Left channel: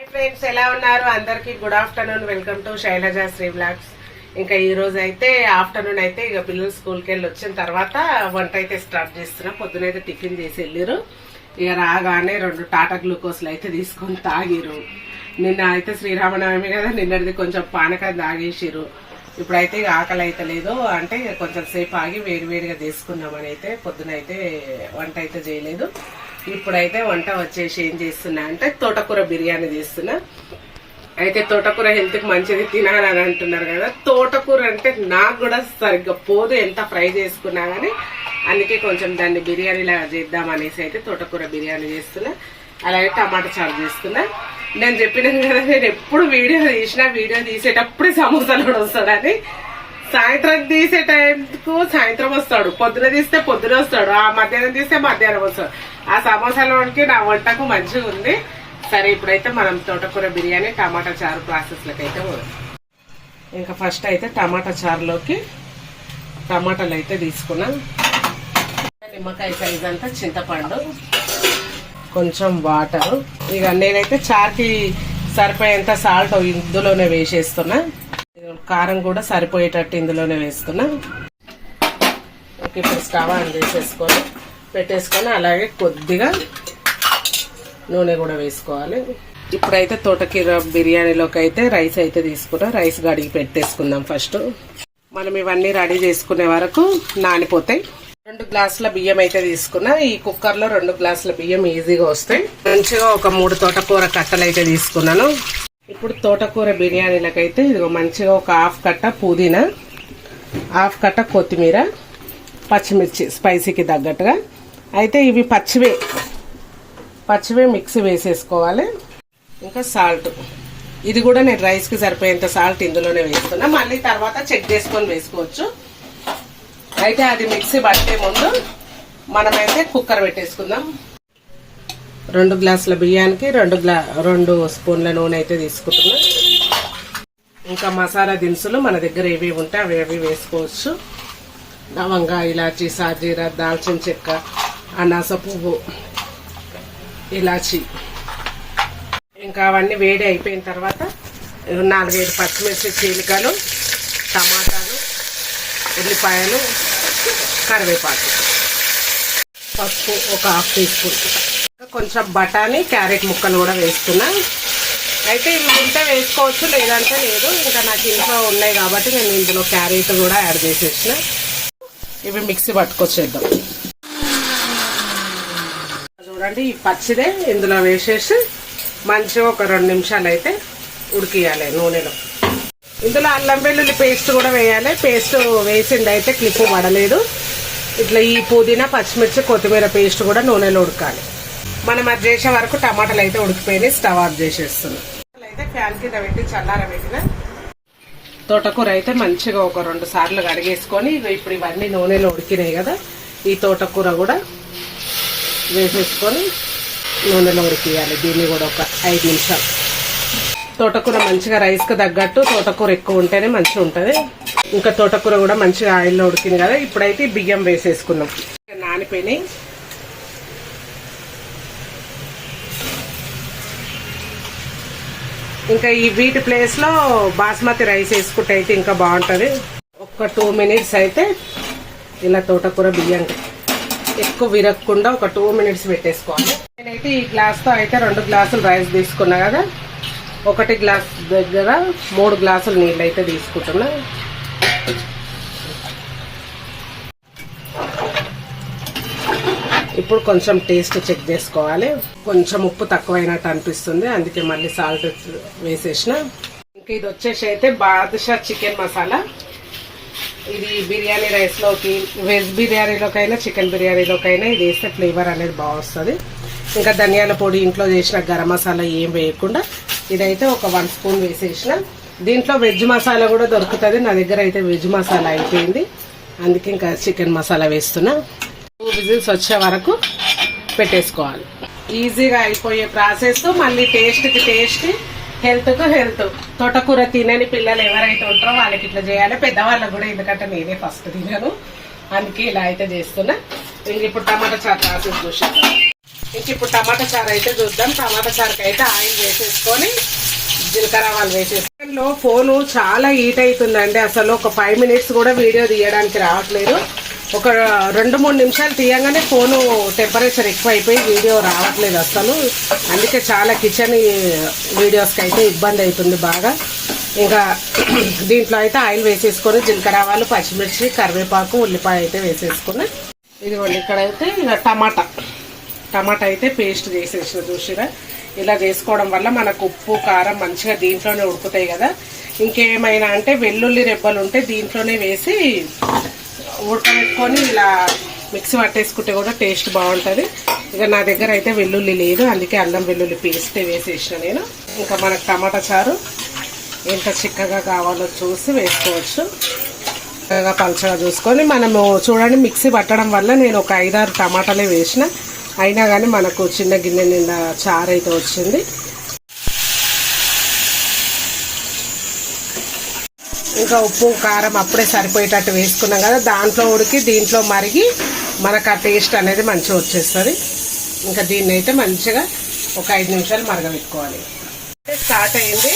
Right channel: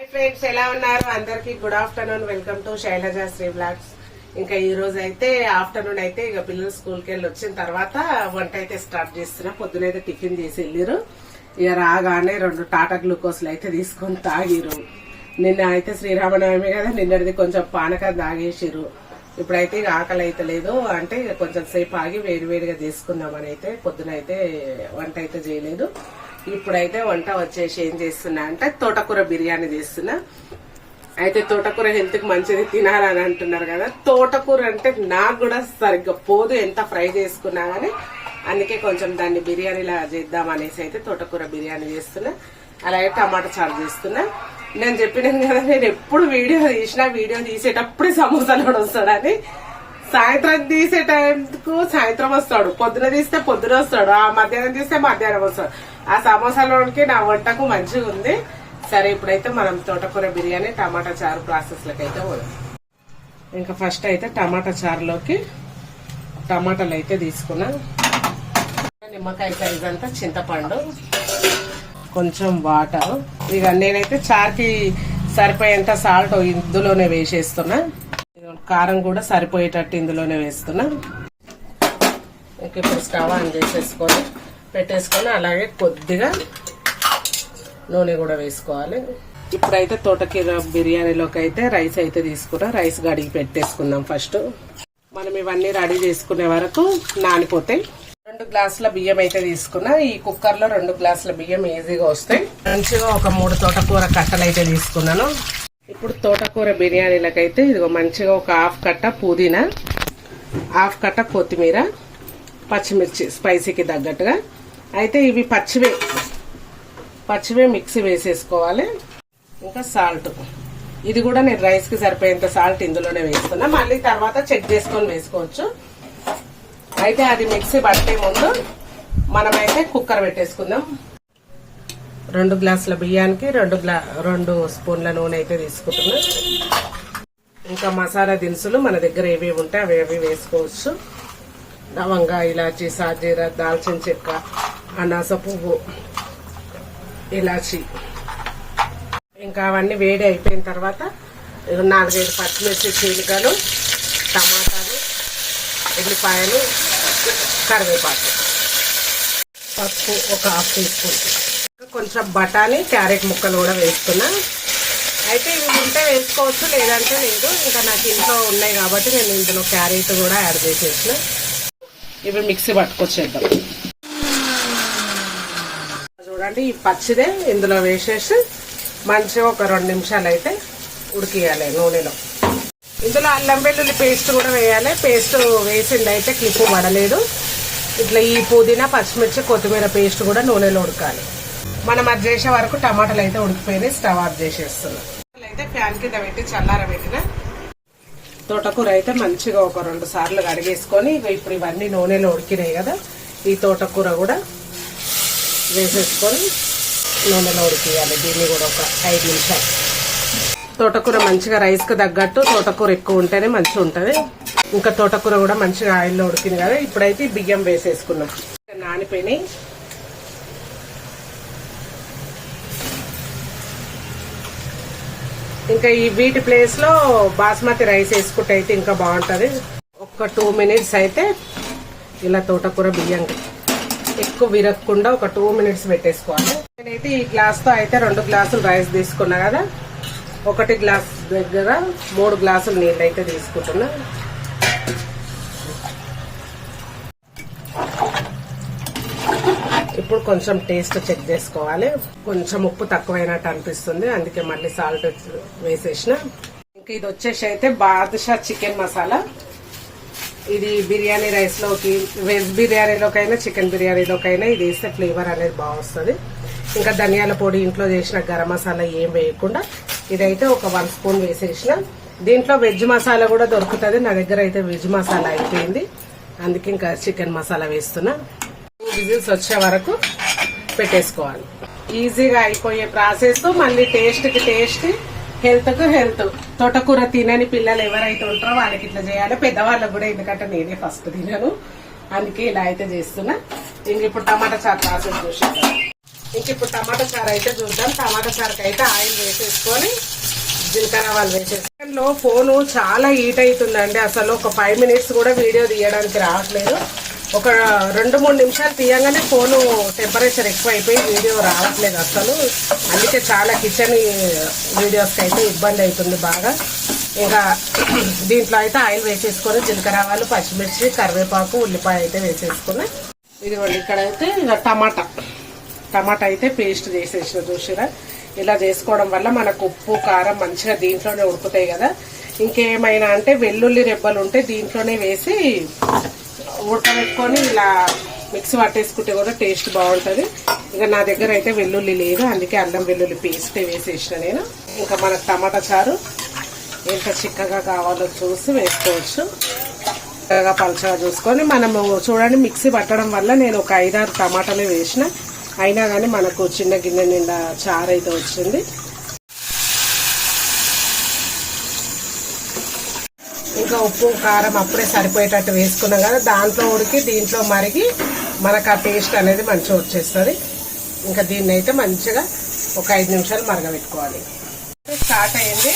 Hi friends ఎలా ఉన్నారు? అందరికి good afternoon welcome to Sailaja Sri blogs ఇంకా ఈ రోజు అయితే ఆఫ్టర్నూన్ అయితే ఇక పిల్లలు స్కూల్కి వెళ్ళి వచ్చిన తర్వాత వంట అయితే స్టార్ట్ చేస్తున్నా. పొద్దునైతే టిఫిన్ చేసి వెళ్ళిరు ఇక రాగానే రెండు టాటా గ్లూకోజ్లు అయితే తీసుకొని తాగిరు నిన్న అయితే శ్రీరామనవమి కదా నిన్నటిది కొంచెం పానకం తాగేసిరు ఇప్పుడైతే ఇక ఆకలి అయితే లేదు. అంటే ఇక కొంచెం సేపు ఆగి వేడి వేడిగా తీసుకున్నామని అయితే పొద్దున అయితే వంట అయితే చేయలేదు. ఇప్పుడైతే వంట వచ్చేసి ఏం చేస్తున్నా అంటే తోటకూర బిర్యానీ చేస్తున్నా. అయితే తోటకూర హెల్త్కి మంచిది తినాలని అంటున్నారు కదా. తోటకూర అంటే నాకు కూడా సరిగ్గా పోదు. ఎంత ఫ్రై చేసుకున్నా గానీ అందుకే కొంచెం దాన్ని బిర్యానీలా చేద్దాం అనేసి అయితే తోటకూర బిర్యానీ చేస్తున్నా. అలాగే టమాటా చారు చేస్తున్నా. నేను చెప్పినాను కదా నేను ఎప్పుడు వీడియో తీసినా వీడియో తీసేటప్పుడే సమోసాలు కూడా వస్తాడని సాయంత్రం తీసే టైంకు సాయంత్రం వస్తాడు. పొద్దున తీస్తే పొద్దున వస్తాడు. ఆ మధ్యాహ్నం తీస్తే మధ్యాహ్నం వస్తాడు. ఆ సమోసాలోనికి నా వంటకు మంచిగా ఉంది. సరే ఇప్పుడైతే మనం తోటకూర బిర్యానీ టమాటా చారు ప్రాసెస్ లకి అయితే పోదాం. ఇంకా ఫస్ట్ అయితే టమాటా చారులోకి టమాటాలు అయితే తీసుకున్నాం. నిమ్మకాయ సైజ్ అంతా చింతపండు కొంచెం వాటర్. ఇక నేనైతే చారుకి సరిపోయేంత సాల్ట్ ఇందులోనే వేసేస్తున్నా. కారం కూడా సరిపోయేటట్టు ఇందులోనే వేసుకున్నా. ఓకే ఇప్పుడు స్టవ్ ఆన్ చేసేసుకొని పెట్టేసుకొని అలాగే కొద్దిగా నూనె కూడా వేసుకోవాలి. ఇప్పుడైతే తోటకీర బిర్యానీలోకి అయితే రైస్ అయితే తీసుకున్నా రైస్ గడిగి పెట్టేసుకుందాం ఫస్ట్. మనం ఇవన్నీ రెడీ చేసుకునే వరకు నానిపోతాయి రెండు గ్లాసుల బియ్యం అయితే తీసుకున్నా. ఈ కుక్కర్లో రెండు గ్లాసుల బియ్యం ఈజీగా వస్తాయి. మంచిగా ఒక మూడు తోటకూర కట్టలు అయితే తీసుకున్నాను. ఇప్పుడు తోటకూర బిర్యానీలకైతే ఇదిగో మంచిగా ఒక హాఫ్ కట్ట పుదీనా హాఫ్ కట్ట కొత్తిమీర పచ్చిమిర్చి స్పైసీకి తగ్గట్టుగా. అయితే ఇవి పచ్చివే పచ్చివే మిక్సీ వేసేసుకోవాలి. ఇంకా సాల్ట్. ఇది కూడా నేను రైస్కి సరిపోయేంత సాల్ట్ ఇందులోనే వేస్తున్నా. మళ్ళీ తర్వాత చెక్ చేసుకొని వేసుకోవచ్చు. అయితే అది మిక్సీ పట్టే ముందు మనమైతే కుక్కర్ పెట్టేసుకుందాం. రెండు గ్లాసుల బియ్యానికి రెండు గ్లా రెండు స్పూన్ల నూనె అయితే తీసుకుంటున్నా. ఇంకా మసాలా దినుసులు మన దగ్గర ఏవి ఉంటే అవి ఏవి వేసుకోవచ్చు. లవంగా ఇలాచి సాజీర దాల్చిన చెక్క అనాస పువ్వు ఇలాచి. ఇంకా అవన్నీ వేడి అయిపోయిన తర్వాత నాలుగైదు పచ్చిమిర్చి చీలికలు టమాటాలు ఉల్లిపాయలు కరివేపాకు. పసుపు ఒక హాఫ్ టీ స్పూన్. కొంచెం బఠానీ క్యారెట్ ముక్కలు కూడా వేస్తున్నా. అయితే ఇవి ఉంటే వేసుకోవచ్చు లేదంటే లేదు. ఇంకా నాకు ఇంట్లో ఉన్నాయి కాబట్టి నేను ఇందులో క్యారెట్ కూడా యాడ్ చేసేసిన. ఇవి మిక్సీ పట్టుకొచ్చేద్దాం చూడండి ఈ పచ్చిదే ఇందులో వేసేసి మంచిగా ఒక రెండు నిమిషాలు అయితే ఉడికియాలి నూనెలో. ఇందులో అల్లం వెల్లుల్లి పేస్ట్ కూడా వేయాలి. పేస్ట్ వేసింది అయితే క్లిప్ పడలేదు. ఇట్లా ఈ పుదీనా పచ్చిమిర్చి కొత్తిమీర పేస్ట్ కూడా నూనెలో ఉడకాలి. మనం అది చేసే వరకు టమాటాలు అయితే ఉడికిపోయినాయి స్టవ్ ఆఫ్ చేసేస్తున్నాం. అయితే ఫ్యాన్ కింద పెట్టి చల్లార పెట్టిన. తోటకూర అయితే మంచిగా ఒక రెండు సార్లు కడిగేసుకొని ఇప్పుడు ఇవన్నీ నూనెలో ఉడికినాయి కదా ఈ తోటకూర కూడా వేసేసుకొని నూనెలో ఉడికియాలి. దీన్ని కూడా ఒక ఐదు నిమిషాలు. తోటకూర మంచిగా రైస్కి తగ్గట్టు తోటకూర ఎక్కువ ఉంటేనే మంచిగా ఉంటుంది. ఇంకా తోటకూర కూడా మంచిగా ఆయిల్లో ఉడికింది కదా ఇప్పుడైతే బియ్యం వేసేసుకున్నాం. నానిపోయినాయి. ఇంకా ఈ వీటి ప్లేస్లో బాస్మతి రైస్ వేసుకుంటే అయితే ఇంకా బాగుంటది. ఒక టూ మినిట్స్ అయితే ఇలా తోటకూర బియ్యం ఎక్కువ విరగకుండా ఒక టూ మినిట్స్ పెట్టేసుకోవాలి. నేనైతే ఈ గ్లాస్తో అయితే రెండు గ్లాసులు రైస్ తీసుకున్నా కదా. ఒకటి గ్లాస్ దగ్గర మూడు గ్లాసులు నీళ్ళు అయితే తీసుకుంటున్నా. ఇప్పుడు కొంచెం టేస్ట్ చెక్ చేసుకోవాలి. కొంచెం ఉప్పు తక్కువైనట్టు అనిపిస్తుంది. అందుకే మళ్ళీ సాల్ట్ వేసేసిన. ఇంకా ఇది వచ్చేసి అయితే బాదుషా చికెన్ మసాలా. ఇది బిర్యానీ రైస్లోకి వెజ్ బిర్యానీలోకైనా చికెన్ బిర్యానీలోకైనా ఇది వేస్తే ఫ్లేవర్ అనేది బాగా వస్తుంది. ఇంకా ధనియాల పొడి ఇంట్లో చేసిన గరం మసాలా ఏం వేయకుండా ఇదైతే ఒక వన్ స్పూన్ వేసేసిన. దీంట్లో వెజ్ మసాలా కూడా దొరుకుతుంది. నా దగ్గర అయితే వెజ్ మసాలా అయిపోయింది. అందుకే ఇంకా చికెన్ మసాలా వేస్తున్నా. విజిల్స్ వచ్చే వరకు పెట్టేసుకోవాలి. ఈజీగా అయిపోయే ప్రాసెస్ మళ్ళీ టేస్ట్కి టేస్ట్ హెల్త్కు హెల్త్ తోటకూర తినని పిల్లలు ఎవరైతే ఉంటారో వాళ్ళకి ఇట్లా చేయాలి. పెద్దవాళ్ళకు కూడా ఎందుకంటే నేనే ఫస్ట్ తినను. అందుకే ఇలా అయితే చేస్తున్నా. ఇంక ఇప్పుడు టమాటా చారు ప్రాసెస్ చూసేద్దాం. ఇంక ఇప్పుడు టమాటా చారు అయితే చూద్దాం. టమాటా చారుకి అయితే ఆయిల్ వేసేసుకొని జీలకర్ర ఆవాలు వేసేసుకొని లో ఫోను చాలా హీట్ అవుతుందండి. అసలు ఒక ఫైవ్ మినిట్స్ కూడా వీడియో తీయడానికి రావట్లేదు. ఒక రెండు మూడు నిమిషాలు తీయగానే ఫోను టెంపరేచర్ ఎక్కువ అయిపోయి వీడియో రావట్లేదు అసలు. అందుకే చాలా కిచెన్ వీడియోస్కి అయితే ఇబ్బంది అవుతుంది బాగా. ఇంకా దీంట్లో అయితే ఆయిల్ వేసేసుకొని జీలకర్ర ఆవాలు పచ్చిమిర్చి కరివేపాకు ఉల్లిపాయ అయితే వేసేసుకుని ఇదిగోండి ఇక్కడైతే ఇక టమాటా. టమాటా అయితే పేస్ట్ చేసేసిన చూసిరా. ఇలా చేసుకోవడం వల్ల మనకు ఉప్పు కారం మంచిగా దీంట్లోనే ఉడుకుతాయి కదా. ఇంకేమైనా అంటే వెల్లుల్లి రెబ్బలు ఉంటే దీంట్లోనే వేసి ఉడకబెట్టుకొని ఇలా మిక్సీ పట్టేసుకుంటే కూడా టేస్ట్ బాగుంటుంది. ఇక నా దగ్గర అయితే వెల్లుల్లి లేదు అందుకే అల్లం వెల్లుల్లి పేస్ట్ వేసేసిన నేను. ఇంకా మనకు టమాటా చారు ఎంత చిక్కగా కావాలో చూసి వేసుకోవచ్చు. చక్కగా పలుచగా చూసుకొని మనము చూడండి మిక్సీ పట్టడం వల్ల నేను ఒక ఐదారు టమాటాలే వేసిన. అయినా కానీ మనకు చిన్న గిన్నె నిండా చారు అయితే వచ్చింది. ఇంకా ఉప్పు కారం అప్పుడే సరిపోయేటట్టు వేసుకున్నాం కదా. దాంట్లో ఉడికి దీంట్లో మరిగి మనకు ఆ టేస్ట్ అనేది మంచిగా వచ్చేస్తుంది. ఇంకా దీన్ని అయితే మంచిగా ఒక ఐదు నిమిషాలు మరగబెట్టుకోవాలి. స్టార్ట్ అయింది.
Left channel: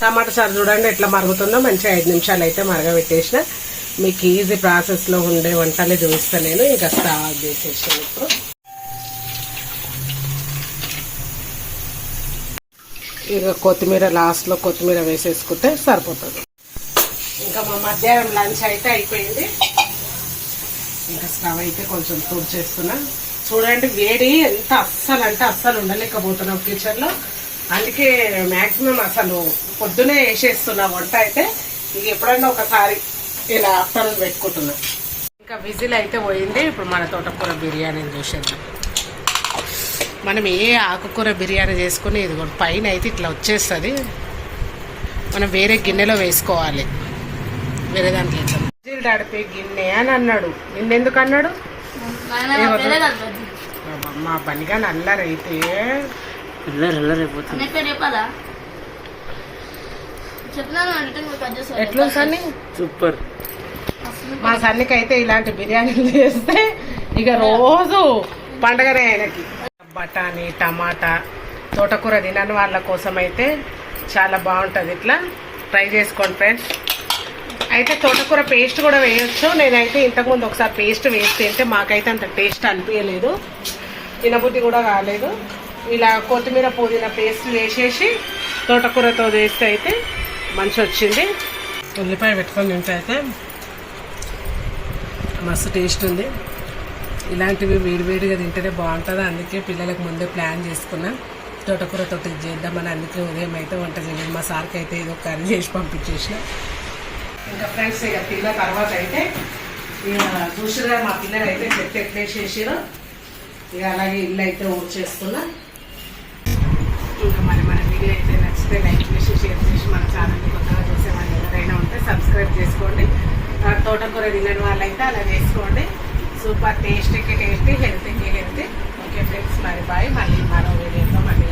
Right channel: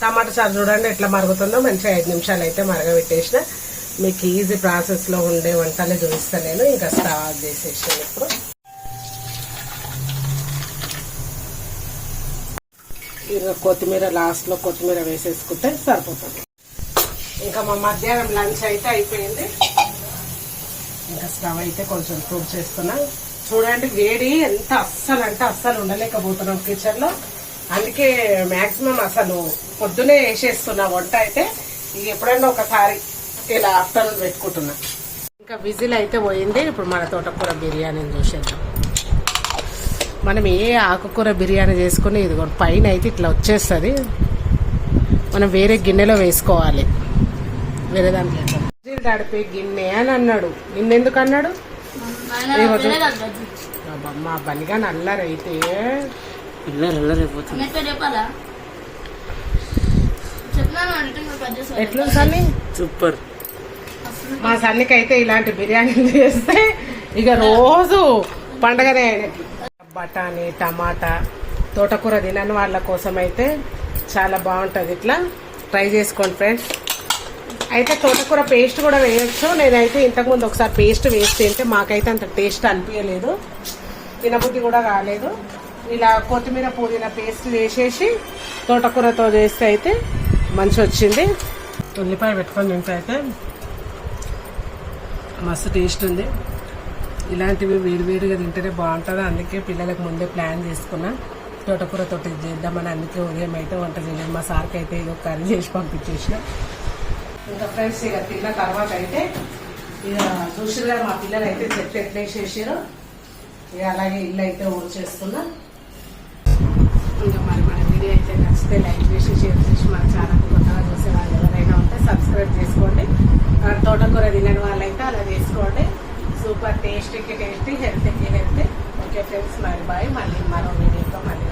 టమాటా చారు చూడండి ఎట్లా మరుగుతుందో. మంచిగా ఐదు నిమిషాలు అయితే మరగబెట్టేసిన. మీకు ఈజీ ప్రాసెస్లో ఉండే వంటలే చూస్తే నేను ఇంకా స్టార్ట్ చేసేసాను ఇప్పుడు ఇక కొత్తిమీర లాస్ట్లో కొత్తిమీర వేసేసుకుంటే సరిపోతుంది. ఇంకా మా మధ్యాహ్నం లంచ్ అయితే అయిపోయింది. ఇంకా స్టవ్ అయితే కొంచెం తూడు చేస్తున్నా. చూడండి వేడి ఎంత అస్సలు అంటే అస్సలు ఉండలేకపోతున్నాం కిచెన్లో. అందుకే మాక్సిమం అసలు పొద్దునే వేసేస్తున్నా వంట అయితే. ఇక ఎప్పుడైనా ఒకసారి ఇలా ఆఫ్టర్నూన్ పెట్టుకుంటున్నా. ఇంకా విజిల్ అయితే పోయింది. ఇప్పుడు మన తోటకూర బిర్యానీ చూసేద్దాం. మనం ఏ ఆకుకూర బిర్యానీ చేసుకుని ఇది పైన అయితే ఇట్లా వచ్చేస్తుంది. మనం వేరే గిన్నెలో వేసుకోవాలి. వేరే దాంట్లో ఇట్లా గిన్నె అని అన్నాడు. నిన్నెందుకు అన్నాడు? మా నల్లరైతే కట్ చేస్తారు ఎట్లా సన్ని? సూపర్. మా సన్నికి అయితే ఇలాంటి బిర్యానీలు చేస్తే ఇక రోజు పండగనే ఆయనకి. బఠానీ టమాటా తోటకూర తినని వాళ్ళ కోసం అయితే చాలా బాగుంటుంది. ఇట్లా ట్రై చేసుకోండి ఫ్రెండ్స్. అయితే తోటకూర పేస్ట్ కూడా వేయొచ్చు. నేనైతే ఇంతకుముందు ఒకసారి పేస్ట్ వేసి తింటే మాకైతే అంత టేస్ట్ అనిపించలేదు. తినబుద్ధి కూడా కాలేదు. ఇలా కొత్తిమీర పుదీనా పేస్ట్ వేసేసి తోటకూరతో వేస్తే అయితే మంచి వచ్చింది ఉల్లిపాయ పెట్టుకొని తింటే అయితే మస్తు టేస్ట్ ఉంది. ఇలాంటివి వేడివేడిగా తింటేనే బాగుంటుంది. అందుకే పిల్లలకు ముందే ప్లాన్ చేసుకున్నా. తోటకూరతో తోట చేద్దామని అందుకే ఉదయం అయితే వంట చేయలేదు. మా సార్కి అయితే ఏదో కర్రీ చేసి పంపించేసిన. ఇంకా ఫ్రెండ్స్ ఇక తిన్న తర్వాత అయితే ఇక చూసిరా మా పిల్లలు అయితే చెట్టు ఎట్లేసేసారు ఇక అలాగే ఇల్లు అయితే ఊడ్చేస్తున్నా. ఇంకా మరి మన వీడియో అయితే నచ్చితే లైక్ చేసి షేర్ చేసి మన ఛానల్ కొత్తగా చూసే వాళ్ళు ఎవరైనా ఉంటే సబ్స్క్రైబ్ చేసుకోండి. తోటకూర తినని వాళ్ళైతే అలా చేసుకోండి. సూపర్ టేస్ట్కి టేస్టీ హెల్త్కి హెల్త్. ఓకే ఫ్రెండ్స్ మరి బాయ్. మళ్ళీ మరో వీడియోతో మళ్ళీ